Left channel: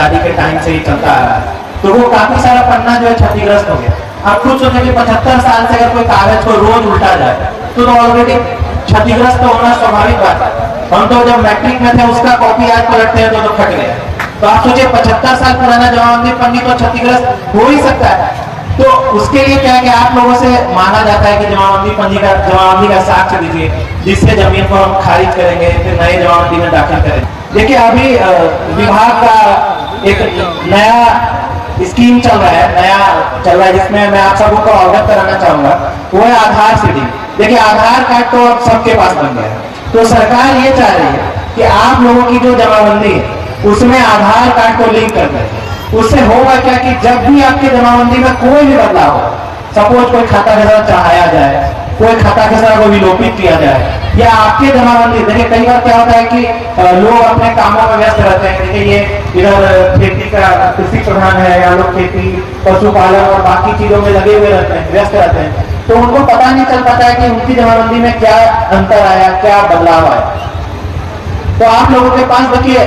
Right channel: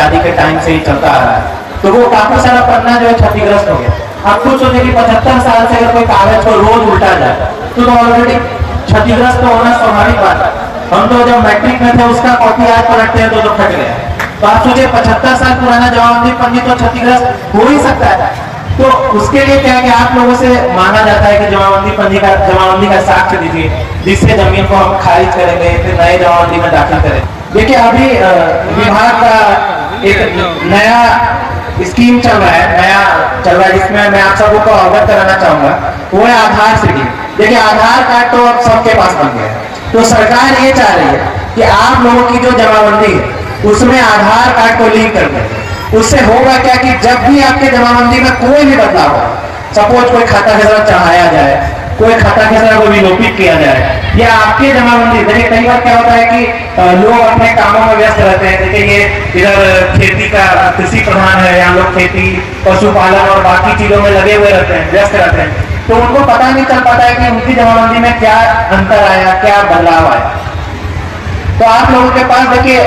दादी के टाइम से ही चलता आ रहा है। तो वो काफी सारा पन्ना जो है क्षतिग्रस्त हो गया। अब कुछ सोचे कि 75 साल से अगर कोई कागज को रोज उल्टा जाए तो ऑलरेडी क्षतिग्रस्त होना स्वाभाविक बात है। हम तो जब मैट्रिक में थे उसका कॉपी आज पलटते हैं तो फट गए। तो आप सोचिए 75 साल पुराना जमाबंदी पन्नी तो क्षतिग्रस्त हो ही सकता है। तो उसके लिए क्या है कि आप लोगों से मांगा जाता है कि जमाबंदी का साक्ष्य दीजिए, जिससे जमीन को हम खारिज करेंगे, फिर नए जमाबंदी में दाखिल करें। देखिए अभी विभाग का एक नया स्कीम चल रहा है, जिसमें मैं आप सबको को अवगत कराना चाहूंगा, वो है आधार सिटी। देखिए आधार कार्ड तो अब सबके पास बन गया है। तो सरकार ये चाह रही है कि आप लोगों की जो जमाबंदी है उसमें आधार कार्ड को लिंक कर दें। उससे होगा क्या कि जब भी आपके जमाबंदी में कोई भी बदलाव हो, सपोज कोई खाता खसरा चढ़ाया जाए, कोई खाता खसरा को विलोपित किया जाए, या आपके जमाबंदी, देखिए कई बार क्या होता है कि लोग अपने कामों में व्यस्त रहते हैं। देखिए ये इधर खेती का कृषि प्रधान है, या लोग खेती पशुपालन और बाकी चीजों में लगे हुए रहते हैं, व्यस्त रहते हैं, तो उनको पता नहीं चल पाता है कि उनकी जमाबंदी में क्या अंतर आया, क्या बदलाव आया। तो आप लोगों के पास देखिए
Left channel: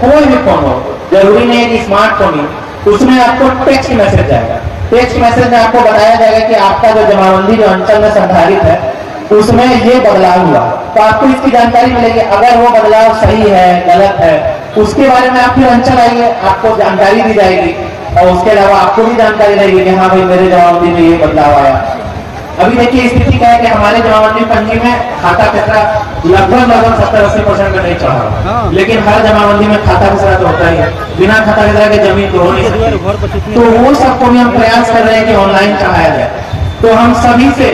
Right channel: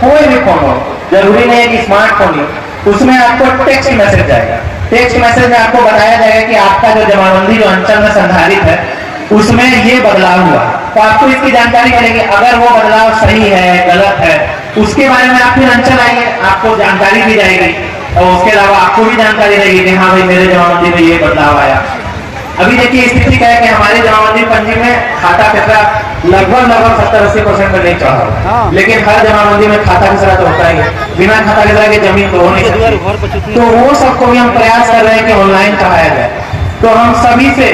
कोई भी फोन हो, जरूरी नहीं है कि स्मार्टफोन ही, उसमें आपको टेक्स्ट मैसेज जाएगा। टेक्स्ट मैसेज में आपको बताया जाएगा कि आपका जो जमाबंदी जो अंचल में संधारित है उसमें ये बदलाव हुआ। तो आपको इसकी जानकारी मिलेगी। अगर वो बदलाव सही है, गलत है, उसके बारे में आप फिर अंचल आइए, आपको जानकारी दी जाएगी। और उसके अलावा आपको भी जानकारी रहेगी कि हाँ भाई मेरे जमाबंदी में ये बदलाव आया। अभी देखिए स्थिति क्या है कि हमारे जमाबंदी पंजी में खाता खसरा लगभग 70-80% में नहीं चढ़ा, लेकिन हर जमाबंदी में खाता खसरा तो होता ही है। बिना खाता खसरा के जमीन तो हो नहीं सकती। तो वो सबको भी हम प्रयास कर रहे हैं कि ऑनलाइन चढ़ाया जाए। तो हम सभी से,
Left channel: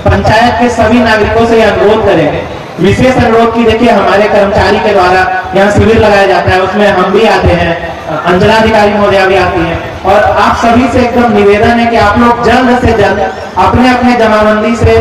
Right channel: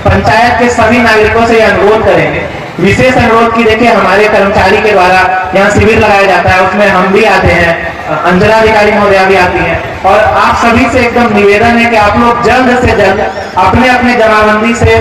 पंचायत के सभी नागरिकों से अनुरोध करेंगे, विशेष अनुरोध की, देखिए हमारे कर्मचारी के द्वारा यहाँ शिविर लगाया जाता है, उसमें हम भी आते हैं, अंचलाधिकारी महोदया भी आती हैं, और आप सभी से एकदम निवेदन है कि आप लोग जल्द से जल्द अपने अपने जमाबंदी से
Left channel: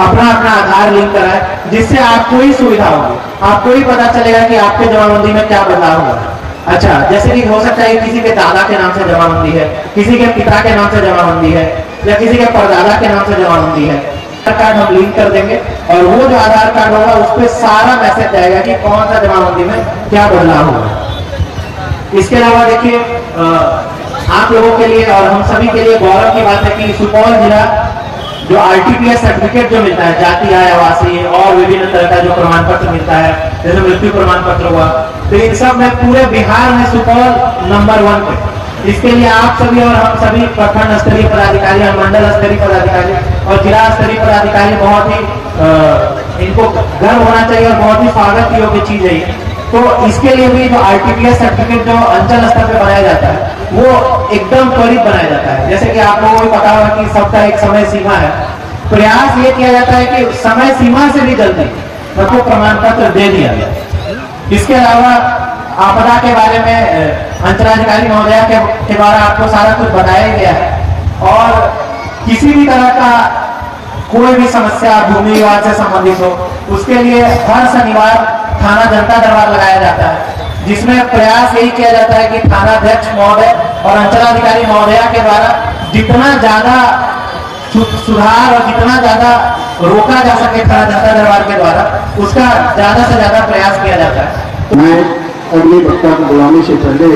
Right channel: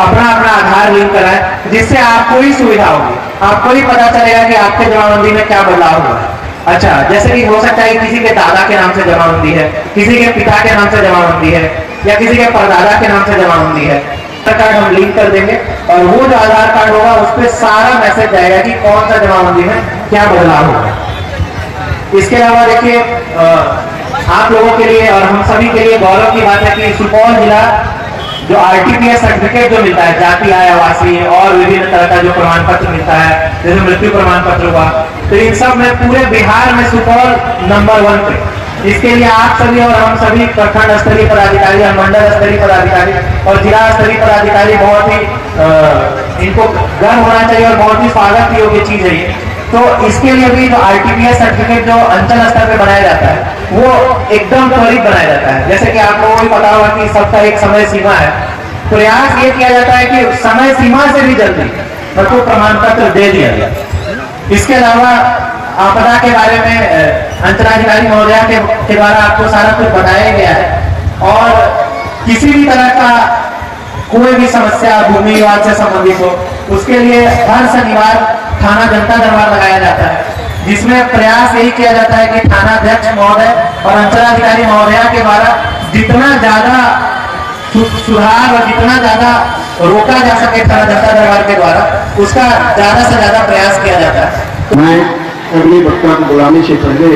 अपना आधार लिंक कराएं, जिससे आपको ही सुविधा होगी, आपको ही पता चलेगा कि आपके जमाबंदी में क्या बदलाव हुआ है। अच्छा, जैसे कि हो सकता है किसी के दादा के नाम से जमाबंदी है, किसी के पिता के नाम से जमाबंदी है, या किसी के परदादा के नाम से जमाबंदी है। आधार कार्ड हम लिंक कर देंगे और वो जो आधार कार्ड होगा उस पर सारा मैसेज जाएगा कि कौन सा जमाबंदी में क्या बदलाव होगा। इसके अलावा देखिए आप लोगों के लिए और हम सभी के लिए गौरव की बात है कि सुपौल जिला जो RTPS सर्टिफिकेट जो मिलता है, जाति आय आवासीय और विभिन्न तरह का जो प्रमाण पत्र मिलता है, जैसे मृत्यु प्रमाण पत्र हुआ, तो इन सब में पूरे बिहार में सुपौल नंबर 1 पे। इसके लिए आप सभी और हम सभी प्रखंड स्तरीय पदाधिकारी, मंडल स्तरीय पदाधिकारी और जिला स्तरीय पदाधिकारी बहुत ही इनको गर्व होना चाहिए और बहुत ही स्वागत योग्य चीज है ये। तो इसके लिए भी जो RTPS सर्टिफिकेट जो अंचल स्तर पे बनाया जाता है वो एकदम त्वरित बनाया जाता है। जैसे कि आप लोगों को पता होगा कि सबका एक समय सीमा है। प्रयास ये किया जाता है कि समय सीमा से भी जल्दी सबको प्रमाण पत्र दे दिया जाए। इसके अलावा आपदा के बारे में अंचलाधिकारी महोदया के द्वारा आपको सारा कुछ बताया गया है, और किसी भी तरह का कोई भी समस्या भूमि विवाद से संबंधित हो उसके लिए हर शनिवार थाना जनता दरबार लगाया जाता है, जिसमें प्रयास यही किया जाता है कि थाना अध्यक्ष महोदय और अंचलाधिकारी महोदया के द्वारा जितना ज्यादा सुधार और जितना ज्यादा रोका जा सके थाना जनता दरबार के द्वारा, उसका ज्यादा से ज्यादा प्रयास किया जाता है। मैं अगले वक्ता को बुलाने से पहले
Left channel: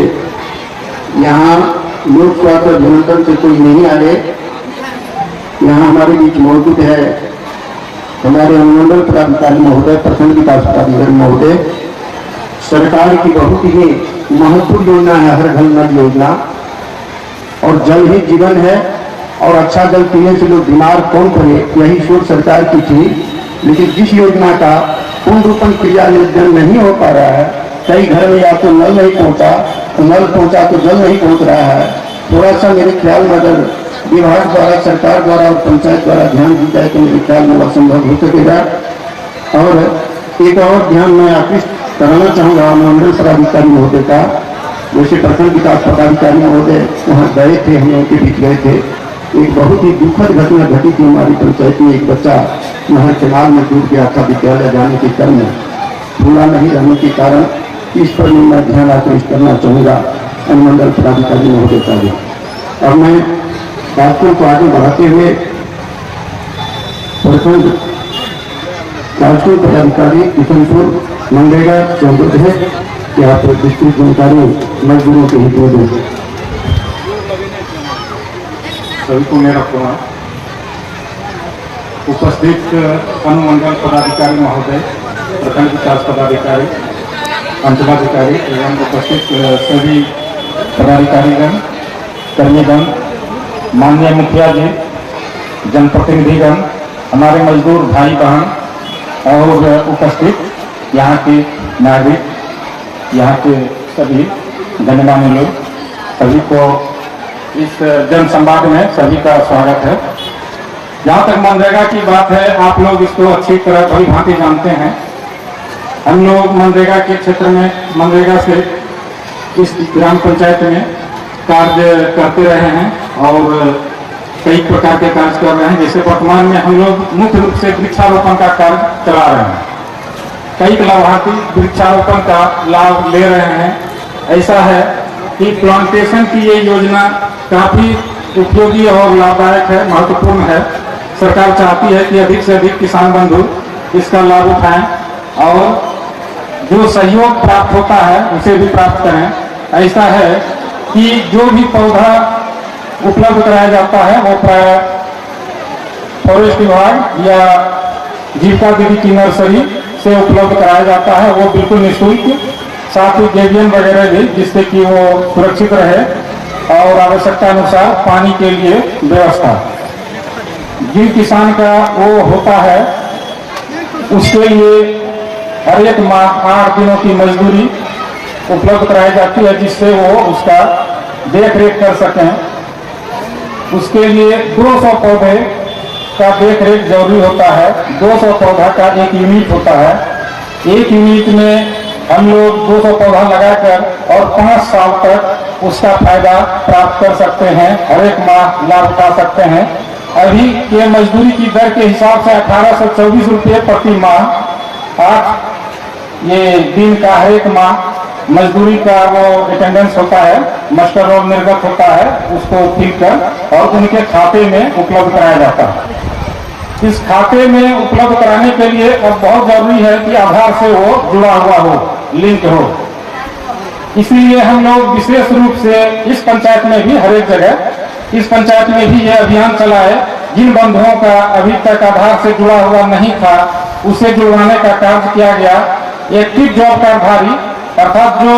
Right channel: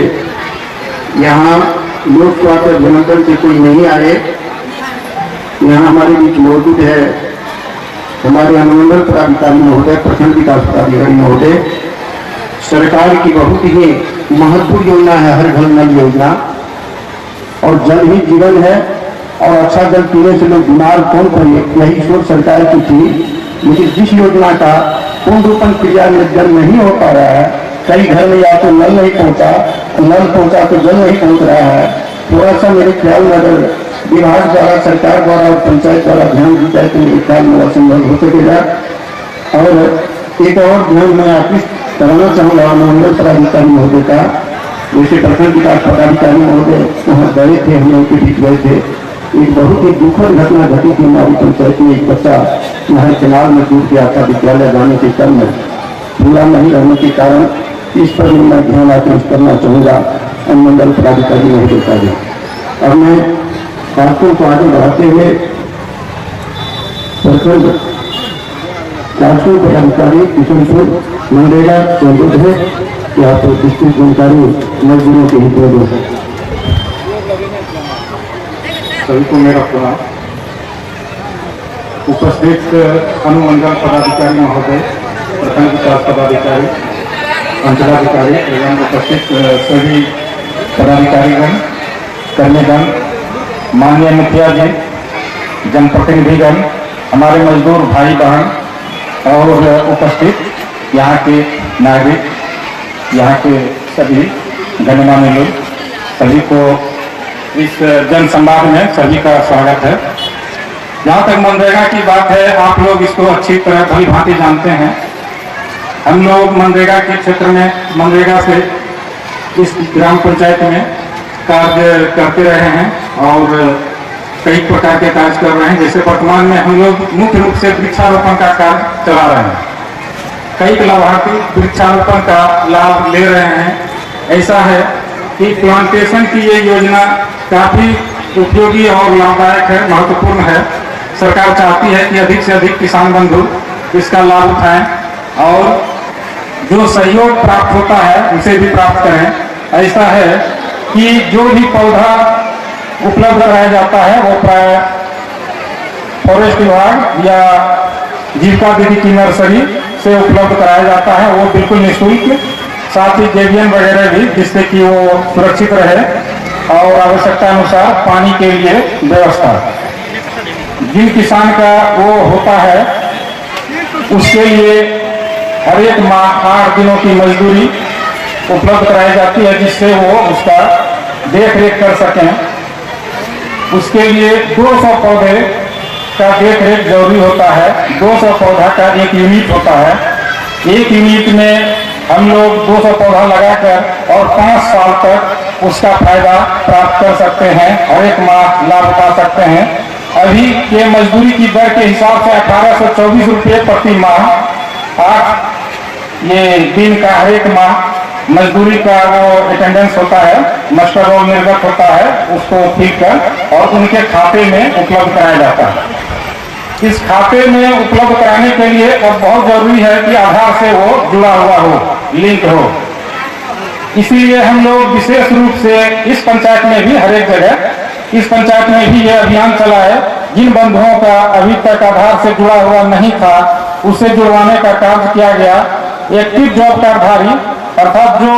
यहाँ लोक स्वास्थ्य अभियंत्रण से कोई नहीं आए, यहाँ हमारे बीच मौजूद है हमारे अनुमंडल पदाधिकारी महोदय, प्रखंड विकास पदाधिकारी महोदय। सरकार की बहुत ही महत्वपूर्ण योजना है हर घर नल योजना, और जल ही जीवन है, और अच्छा जल पीने से लोग बीमार कौन पड़े, यही सोच सरकार की थी। लेकिन जिस योजना का पूर्ण रूपन क्रियान्वयन नहीं हो पा रहा है, कई घर में या तो नल नहीं पहुंचा, नल पहुंचा तो जल नहीं पहुंच रहा है, थोड़ा सा मेरे ख्याल में अगर विभाग द्वारा, सरकार द्वारा और पंचायत द्वारा ध्यान दी जाए तो मेरे ख्याल में संभव हो सकेगा। और एक और ध्यान मैं आकृष्ट कराना चाहूँगा मंडल पदाधिकारी महोदय का, जैसे प्रखंड विकास पदाधिकारी महोदय वहाँ गए थे, हम उनके बीच गए थे। एक बहुत ही दुखद घटना घटी थी हमारी पंचायत में। एक बच्चा नहर किनार में डूब गया था, विद्यालय जाने के क्रम में खुला नहीं रहने के कारण। इस पर मैं ध्यान आकृष्ट करना चाहूँगा अनुमंडल पदाधिकारी महोदय का भी। और मैं बातों को आगे बढ़ाते हुए प्रखंड राष्ट्रीय पदाधिकारी किशनपुर मनरेगा चौबुद है, कि आप विस्तृत जानकारी मजदूरों के हित में दें। सभी को मेरा प्रणाम। उपस्थित अनुमंडल पदाधिकारी महोदय, प्रखंड विकास पदाधिकारी, अंचलाधिकारी एवं उपस्थित सभी पदाधिकारीगण, कर्मीगण, माननीय मुखिया जी, जनप्रतिनिधिगण, हमारे मजदूर भाई बहन और उपस्थित यहाँ के नागरिक, यहाँ के सभी गणमान्य लोग, सभी को इस जन संवाद में सभी का स्वागत है। जहाँ तक मनरेगा की बात है, आप लोग इसको अच्छी तरह भली भांति जानते हैं। हम लोग मनरेगा के क्षेत्र में मनरेगा से इस ग्राम पंचायत में कार्य करते रहे हैं और कई प्रकार के कार्य कर रहे हैं। जैसे वर्तमान में हम लोग मुख्य रूप से वृक्षारोपण का कार्य चला रहे हैं। कई लाभार्थी वृक्षारोपण का लाभ ले रहे हैं। ऐसा है कि प्लांटेशन की ये योजना काफी उपयोगी और लाभदायक है, महत्वपूर्ण है। सरकार चाहती है कि अधिक से अधिक किसान बंधु इसका लाभ उठाएं और जो सहयोग प्राप्त होता है उसे भी प्राप्त करें। ऐसा है कि जो भी पौधा उपलब्ध कराया जाता है वो प्राय फॉरेस्ट विभाग या जीविका दीदी की नर्सरी से उपलब्ध कराया जाता है। वो बिल्कुल निःशुल्क, साथ ही जेवियन वगैरह भी, जिससे कि वो सुरक्षित रहे और आवश्यकता अनुसार पानी के लिए व्यवस्था। जिन किसान का वो होता है उसके लिए हर एक माह 8 दिनों की मजदूरी उपलब्ध कराई जाती है, जिससे वो उसका देख रेख कर सकें। उसके लिए 200 पौधे का देख रेख जरूरी होता है। 200 पौधा का एक यूनिट होता है। एक यूनिट में हम लोग 200 पौधा लगाकर और 5 साल तक उसका फायदा प्राप्त कर सकते हैं, हर एक माह लाभ उठा सकते हैं। अभी के मजदूरी की दर के हिसाब से 1824 रुपये प्रति माह, 8 ये दिन का हर एक माह मजदूरी का वो अटेंडेंस होता है, मास्टर रोल निर्गत होता है, उसको फिल कर और उनके खाते में उपलब्ध कराया जाता है। इस खाते में उपलब्ध कराने के लिए अब बहुत जरूरी है कि आधार से वो जुड़ा हुआ हो, लिंक हो। इसीलिए हम लोग विशेष रूप से इस पंचायत में भी, हर एक जगह इस पंचायत में भी यह अभियान चला है। जिन बंधुओं का अभी तक आधार से जुड़ा हुआ नहीं था उसे जुड़वाने का कार्य किया गया। एक्टिव जॉब कार्डधारी अर्थात जो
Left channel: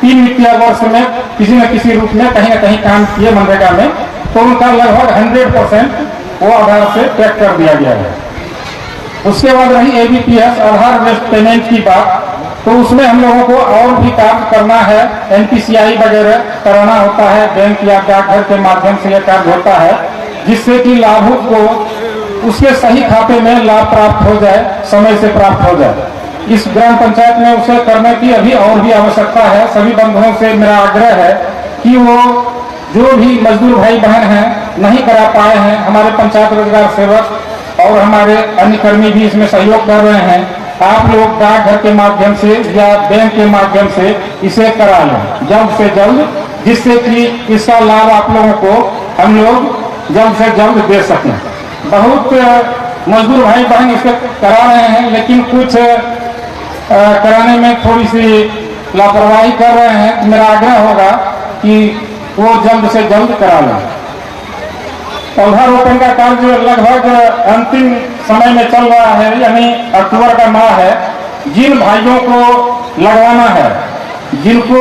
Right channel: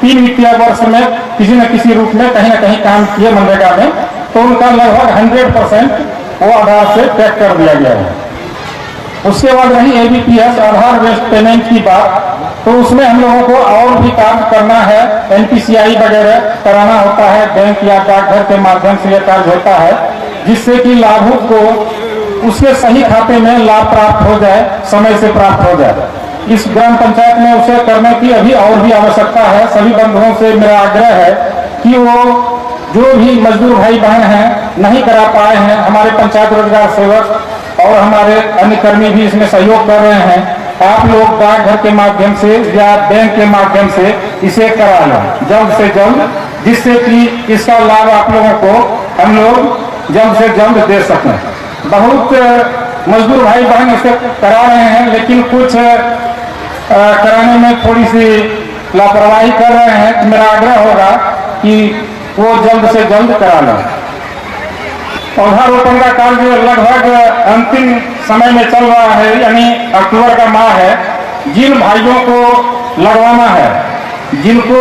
3 वित्तीय वर्ष में किसी न किसी रूप में कहीं न कहीं काम किए मनरेगा में, तो उनका लगभग 100% वो आधार से टैग कर दिया गया है। उसके बाद रही ABPS आधार बेस्ड पेमेंट की बात, तो उसमें हम लोगों को और भी कार्य करना है। NPCI वगैरह कराना होता है, बैंक या डाकघर के माध्यम से यह कार्य होता है, जिससे कि लाभुक को उसके सही खाते में लाभ प्राप्त हो जाए, समय से प्राप्त हो जाए। इस ग्राम पंचायत में उसे करने की अभी और भी आवश्यकता है। सभी बंधुओं से मेरा आग्रह है कि वो जो भी मजदूर भाई बहन हैं नहीं करा पाए हैं, हमारे पंचायत रोजगार सेवक और हमारे अन्य कर्मी भी इसमें सहयोग कर रहे हैं। आप लोग डाकघर के माध्यम से या बैंक के माध्यम से इसे करा लें जल्द से जल्द, जिससे कि इसका लाभ आप लोगों को हम लोग जल्द से जल्द दे सकें। बहुत मजदूर भाई बहन इसे करा रहे हैं, लेकिन कुछ कराने में थोड़ी सी लापरवाही कर रहे हैं। तो मेरा आग्रह होगा कि वो जल्द से जल्द करा लें। पौधारोपण का कार्य लगभग अंतिम समय में चल रहा है, यानी अक्टूबर का माह है। जिन भाइयों को लगवाना है, जिनको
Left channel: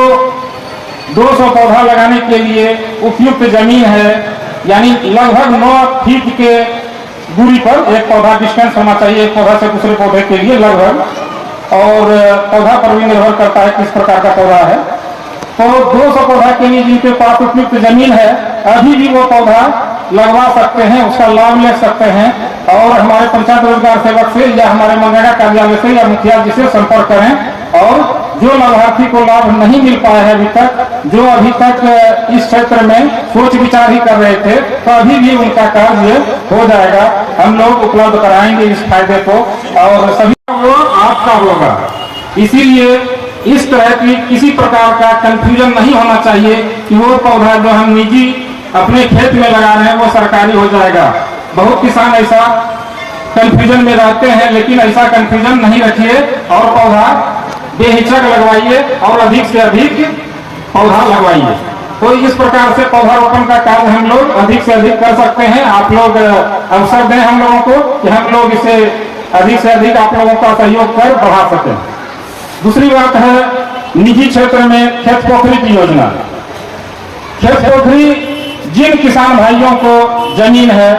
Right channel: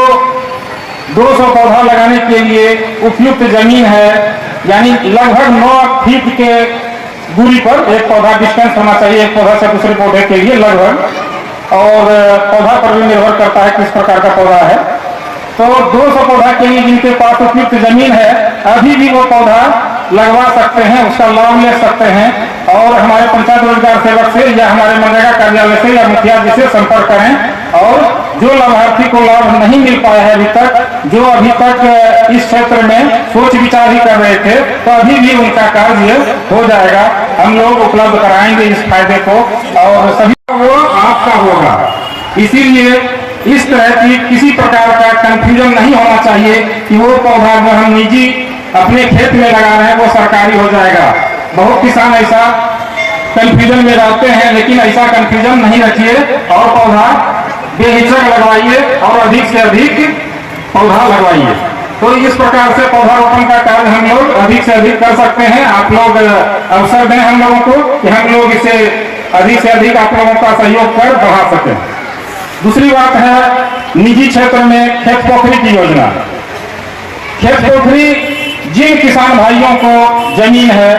200 पौधा लगाने के लिए उपयुक्त जमीन है, यानी लगभग 9 फीट के दूरी पर एक पौधा डिस्टेंस होना चाहिए एक पौधा से दूसरे पौधे के लिए लगभग, और पौधा पर भी निर्भर करता है किस प्रकार का पौधा है। तो 200 पौधा के लिए जिनके पास उपयुक्त जमीन है, अभी भी वो पौधा लगवा सकते हैं, उसका लाभ ले सकते हैं। और हमारे पंचायत रोजगार सेवक से या हमारे मनरेगा कार्यालय से या मुखिया जी से संपर्क करें। और जो लाभार्थी को लाभ नहीं मिल पाया है अभी तक, जो अभी तक इस क्षेत्र में सोच विचार ही कर रहे थे, तो अभी भी उनका कार्य हो जाएगा। हम लोग उपलब्ध कराएंगे इस फायदे को और सभी वो आपका होगा। इसीलिए इस तरह की किसी प्रकार का कंफ्यूजन नहीं होना चाहिए कि वो पौधा जो हम निजी अपने खेत में लगा रहे हैं वो सरकारी हो जाएगा। बहुत किसान ऐसा कंफ्यूजन में रहते हैं, लेकिन ऐसा कंफ्यूजन नहीं रखिए और पौधा बेहिचक लगवाइए और अधिक से अधिक पौधा लगवाइए। तो इस प्रकार से पौधारोपण का कार्य हम लोग अधिक से अधिक कर सकते हैं। आप लोग अवसर दें हम लोगों को कि हम लोग इसे अधिक से अधिक आप लोगों का सहयोग कर बढ़ा सकें। दूसरी बात है निजी क्षेत्र में खेत पोखरी की योजना। खेत पोखरी जिन किसान भाइयों को जमीन है,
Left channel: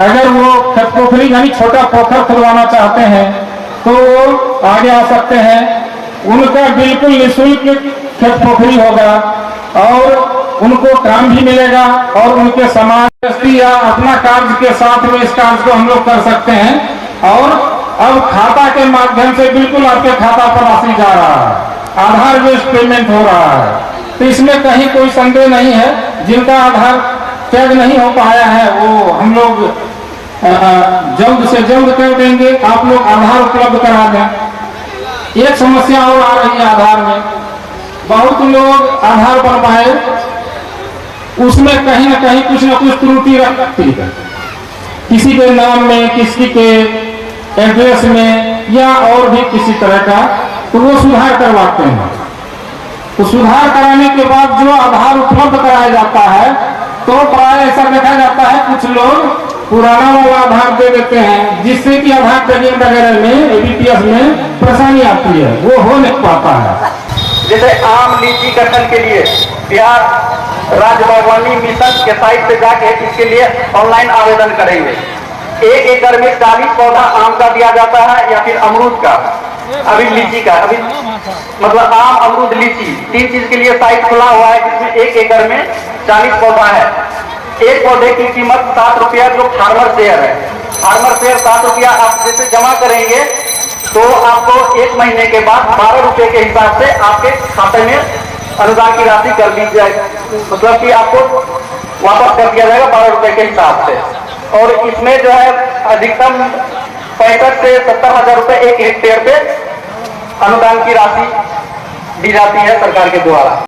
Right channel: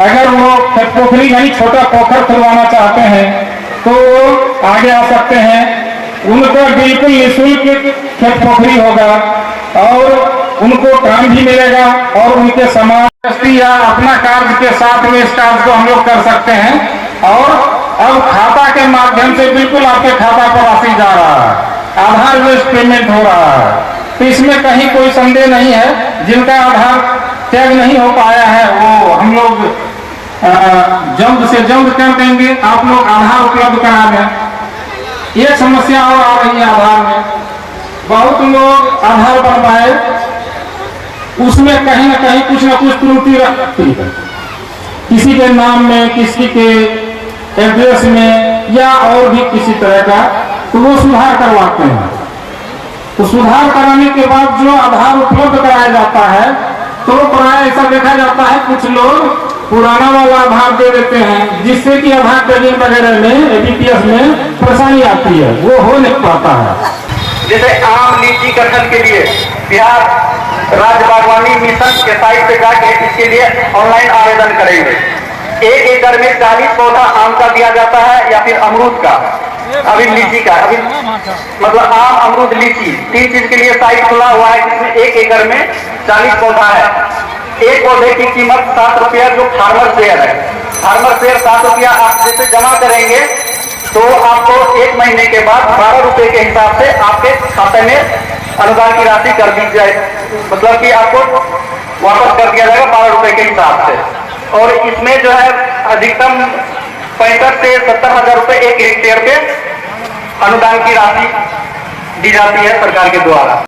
अगर वो खेत पोखरी यानी छोटा पोखर खुदवाना चाहते हैं तो वो आगे आ सकते हैं। उनका बिल्कुल निःशुल्क खेत पोखरी होगा और उनको काम भी मिलेगा और उनके समाज या अपना कार्य के साथ में इस कार्य को हम लोग कर सकते हैं। और अब खाता के माध्यम से बिल्कुल आपके खाता पर राशि जा रहा है, आधार बेस्ड पेमेंट हो रहा है। तो इसमें कहीं कोई संदेह नहीं है। जिनका आधार टैग नहीं हो पाया है वो हम लोग जल्द से जल्द कर देंगे। आप लोग आधार उपलब्ध करा दें। एक समस्या और आ रही है आधार में, बहुत लोग आधार बनवाए, उसमें कहीं न कहीं कुछ न कुछ त्रुटि रहती है, किसी के नाम में, किसी के एड्रेस में या और भी किसी तरह का, तो वो सुधार करवाते हैं। तो सुधार कराने के बाद जो आधार उपलब्ध कराया जाता है तो प्राय ऐसा देखा जाता है कुछ लोग पुराना वाला आधार दे देते हैं, जिससे कि आधार टैगिंग वगैरह में एबीपीएस में परेशानी आती है, वो हो नहीं पाता है। जैसे आम लीची कटहल के लिए बिहार राज्य बागवानी मिशन के साइट पे जाके इसके लिए ऑनलाइन आवेदन करेंगे। 1 एकड़ में 40 पौधा आम का दिया जाता है या फिर अमरूद का, अभी लीची का, अभी मतलब आम अमरूद लीची 3 चीज के लिए साइट खुला हुआ है, जिसमें 1 एकड़ में 40 पौधा है। एक पौधे की कीमत 7 रुपया जो फार्मर शेयर है। फार्मर शेयर 7 रुपया आप जैसे जमा करेंगे तो आपको 1 महीने के बाद 12 रुपए के हिसाब से आपके खाते में अनुदान की राशि कर दी जाए, मतलब कि आपको वापस कर दिया जाएगा 12 रुपए के हिसाब से। और इसमें जो है अधिकतम 65 से 70 हजार रुपए 1 हेक्टेयर पे अनुदान की राशि दी जाती है सरकार के द्वारा।